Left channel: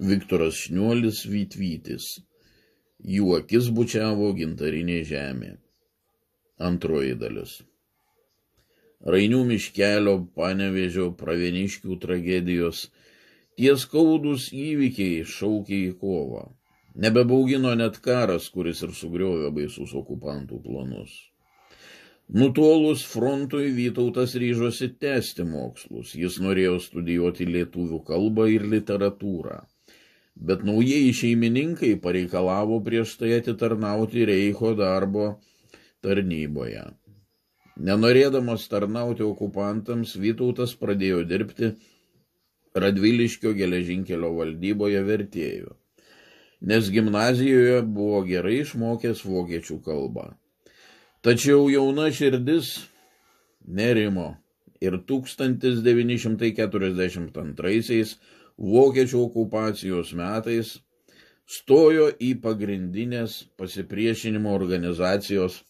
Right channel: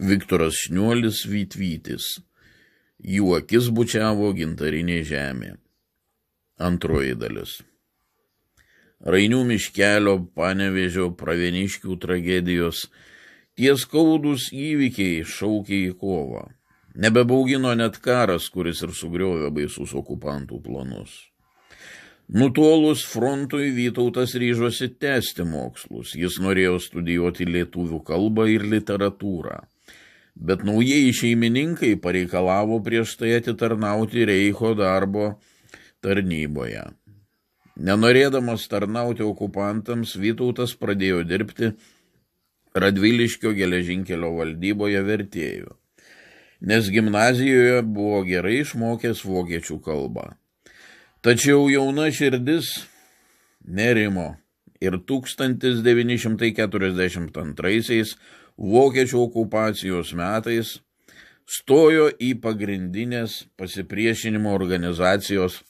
Viktoras Šniuolis Vytvytis. Jų akis bučiavo gintarinė žemė. Antroji dalis. Rainių miškelio Panevėžio pravieniškių tragedijos tie skaudūs įvykiai šaukė į kovą. Nebebaugino net karas, kuris ir sugriovė baisus okupantų planus. Nutolus frontui Vytautas ryžosi tęsti mokslus. Jis norėjo studijuoti lietuvių kalbą ir literatūrą. Bet naujieji šeimininkai pareikalavo prieš tai atitarnauti Reicho darbo tarnyboje. Nenorėdamas tarnauti okupantams, Vytautas pradėjo dirbti Radviliškio geležinkelio valdyboje vertėju, nes gimnazijoje buvo gerai išmokęs vokiečių kalbą. Tačiau jauna širdis nerimo ir 1942 vokiečių okupacijos metais stojo į pagrindinės pasipriešinimo organizacijos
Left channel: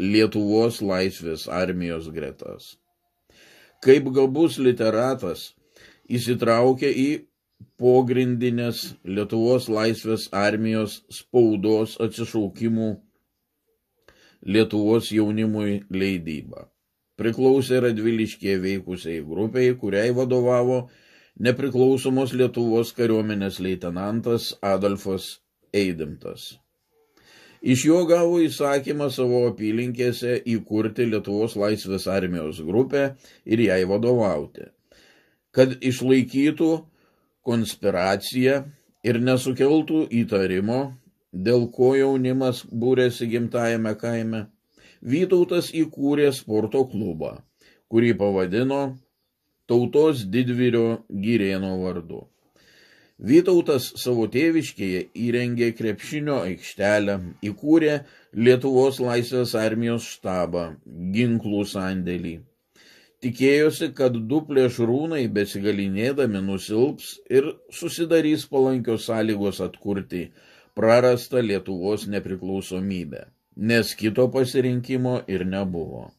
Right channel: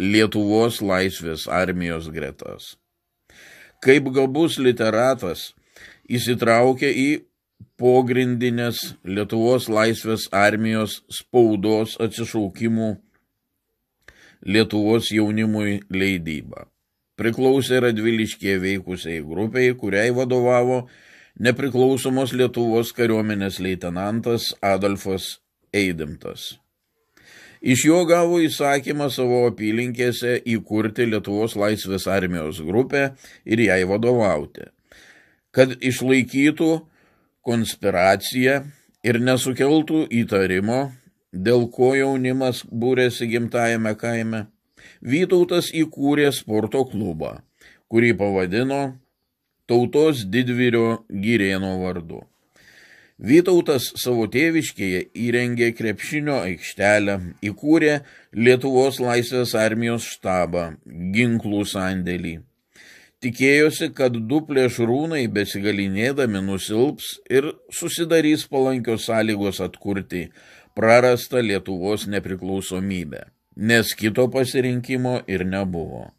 Lietuvos laisvės armijos gretas. Kaip gabus literatas įsitraukė į pogrindinės Lietuvos laisvės armijos spaudos atsišaukimų Lietuvos jaunimui leidybą. Priklausė Radviliškyje veikusiai grupiai, kuriai vadovavo nepriklausomos Lietuvos kariuomenės leitenantas Adolfas Eidimtas. Iš jo gavo įsakymą savo apylinkėse įkurti Lietuvos laisvės armijos grupę ir jai vadovauti, kad išlaikytų konspiraciją ir nesukeltų įtarimo, dėl ko jaunimas būrėsi gimtajame kaime. Vytautas įkūrė sporto klubą, kurį pavadino Tautos didvyrio Girėno vardu. Vytautas savo tėviškėje įrengė krepšinio aikštelę, įkūrė Lietuvos laisvės armijos štabą, ginklų sandėlį. Tikėjosi, kad du plėšrūnai besigalinėdami nusilps ir susidarys palankios sąlygos atkurti prarastą Lietuvos nepriklausomybę, nes kito pasirinkimo ir nebuvo.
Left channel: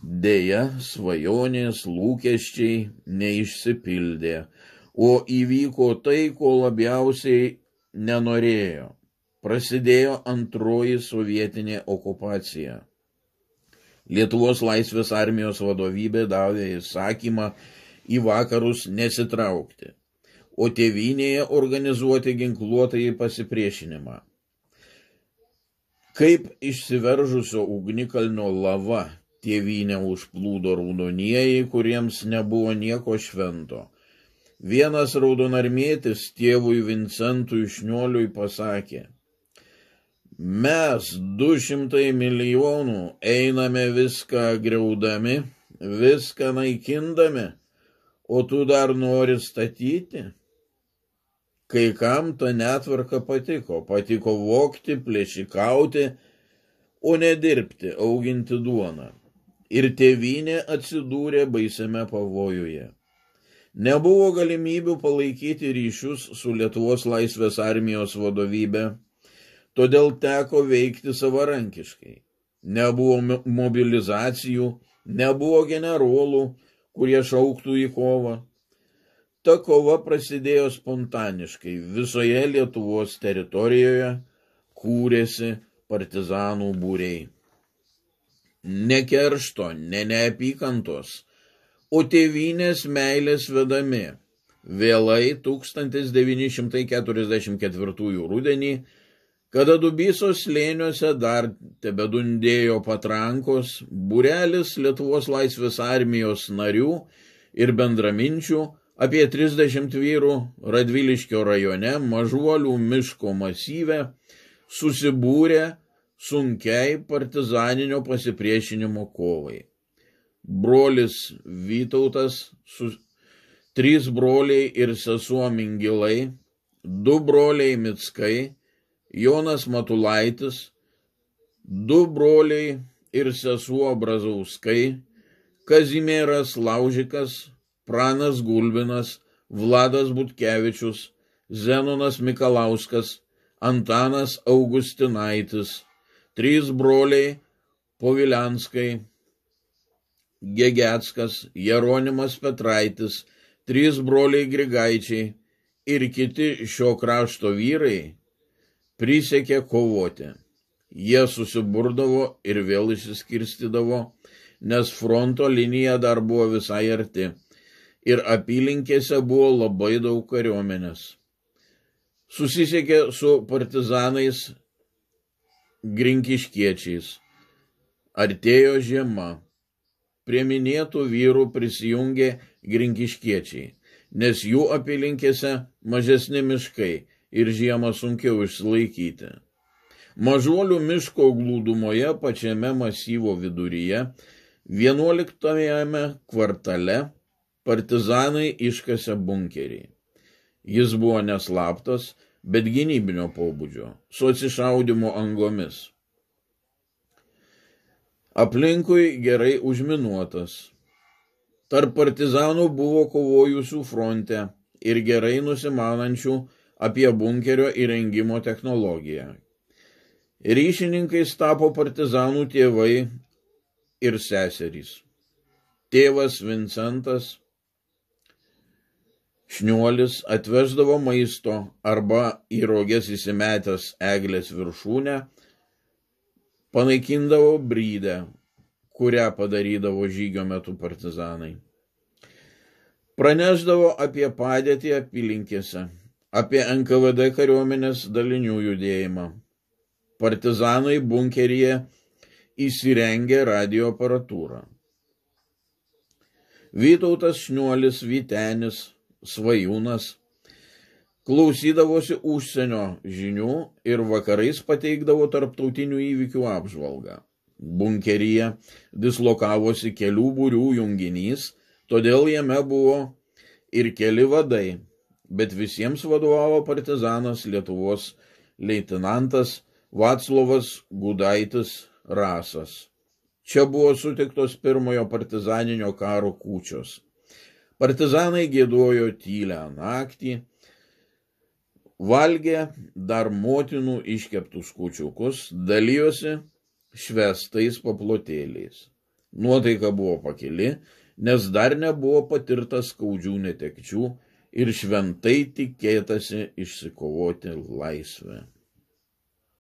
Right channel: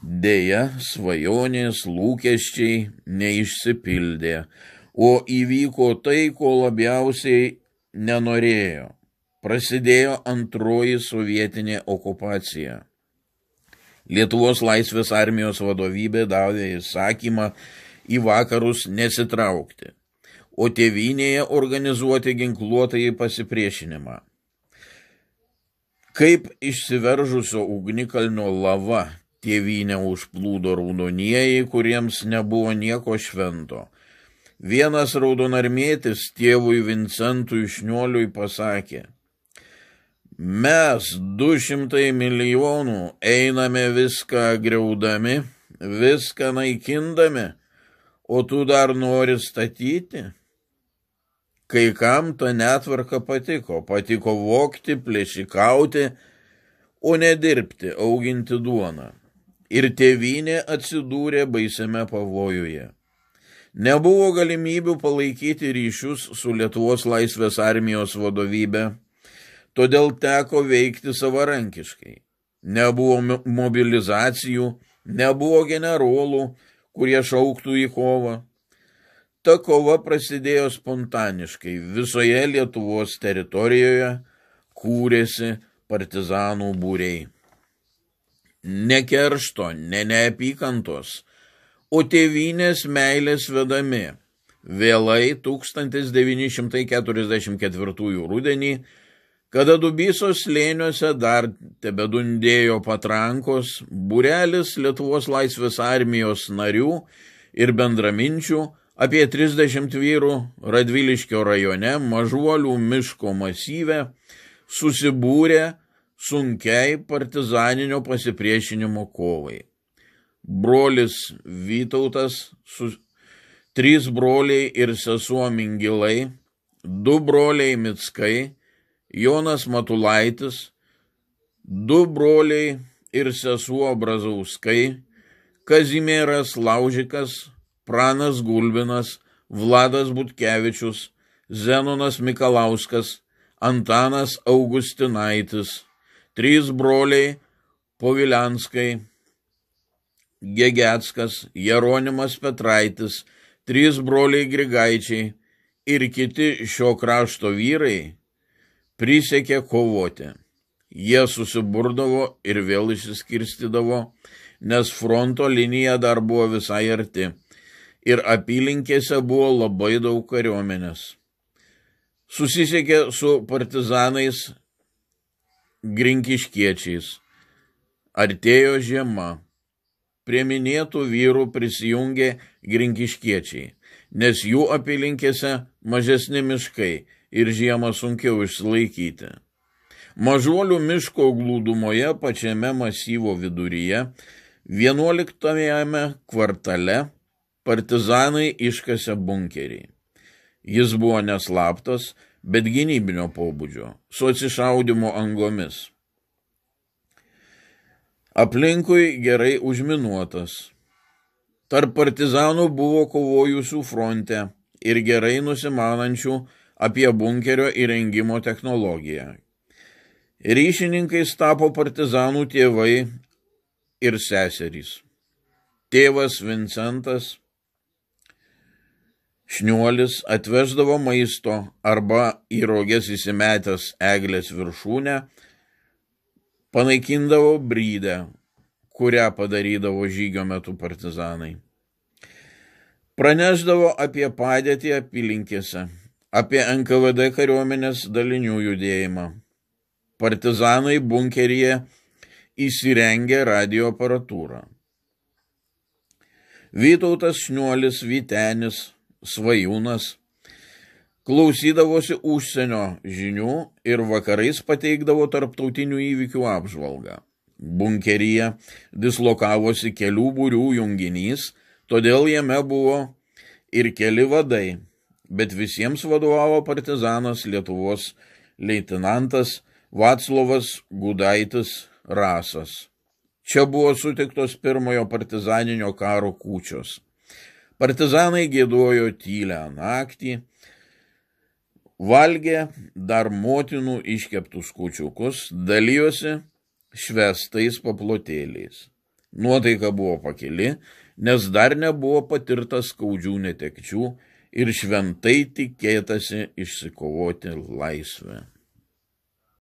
Deja, svajonės, lūkesčiai neišsipildė, o įvyko tai, ko labiausiai nenorėjo. Prasidėjo antroji sovietinė okupacija. Lietuvos laisvės armijos vadovybė davė įsakymą į vakarus nesitraukti, o tėvynėje organizuoti ginkluotąjį pasipriešinimą. Kaip išsiveržusio ugnikalnio lava tėvynę užplūdo raudonieji, kuriems nebuvo nieko švento. Vienas raudonarmietis tėvui Vincentui Šniuoliui pasakė: mes 200 milijonų einame viską griaudami, viską naikindami, o tu dar nori statyti? Kai kam ta netvarka patiko vogti, plėšikauti, o ne dirbti, auginti duoną. Ir tėvynė atsidūrė baisiame pavojuje. Nebuvo galimybių palaikyti ryšius su Lietuvos laisvės armijos vadovybė, todėl teko veikti savarankiškai. Nebuvo mobilizacijų, nebuvo generolų, kurie šauktų į kovą. Ta kova prasidėjo spontaniškai. Visoje Lietuvos teritorijoje kūrėsi partizanų būriai. Ne keršto, ne neapykantos, o tėvynės meilės vedami. Vėlai 1944 rudenį, kada Dubysos slėniuose dar tebedundėjo patrankos, būrelis Lietuvos laisvės armijos narių ir bendraminčių, apie 30 vyrų Radviliškio rajone Mažuolių miško masyve, susibūrė sunkiai partizaninio pasipriešinimo kovai. Brolis Vytautas, 3 broliai ir sesuo Mingilai, 2 broliai Mickai, Jonas Matulaitis, 2 broliai ir sesuo Brazauskai, Kazimieras Laužikas, Pranas Gulbinas, Vladas Butkevičius, Zenonas Mikalauskas, Antanas Augustinaitis, 3 broliai Povilianskai, Gegeckas, Jeronimas Petraitis, 3 broliai Grigaičiai, ir kiti šio krašto vyrai prisiekė kovoti. Jie susiburdavo ir vėl išsiskirstydavo, nes fronto linija dar buvo visai arti ir apylinkėse buvo labai daug kariuomenės. Susisiekė su partizanais grinkiškiečiais. Artėjo žiema. Prie minėtų vyrų prisijungė grinkiškiečiai, nes jų apylinkėse mažesni miškai ir žiemą sunkiau išsilaikyti. Mažuolių miško glūdumoje pačiame masyvo viduryje 11 kvartale partizanai iškasė bunkerį. Jis buvo neslaptas, bet gynybinio pobūdžio, su atsišaudymo angomis. Aplinkui gerai užminuotas. Tarp partizanų buvo kovojusių fronte ir gerai nusimanančių apie bunkerio įrengimo technologiją. Ryšininkais tapo partizanų tėvai ir seserys. Tėvas Vincentas Šniuolis atveždavo maisto arba į roges įsimetęs eglės viršūnę, panaikindavo brydę, kurią padarydavo žygio metu partizanai. Pranešdavo apie padėtį apylinkėse, apie NKVD kariuomenės dalinių judėjimą. Partizanai bunkeryje įsirengė radio aparatūrą. Vytautas Šniuolis, Vytenis, Svajūnas klausydavosi užsienio žinių ir vakarais pateikdavo tarptautinių įvykių apžvalgą. Bunkeryje dislokavosi kelių būrių junginys, todėl jame buvo ir keli vadai, bet visiems vadovavo partizanas Lietuvos leitenantas Vaclovas Gudaitis Rasas. Čia buvo sutiktos pirmojo partizaninio karo kūčios. Partizanai giedojo tylią naktį, valgė dar motinų iškeptus kūčiukus, dalijosi švestais paplotėliais. Nuotaika buvo pakili, nes dar nebuvo patirta skaudžių netekčių ir šventai tikėtasi išsikovoti laisvę.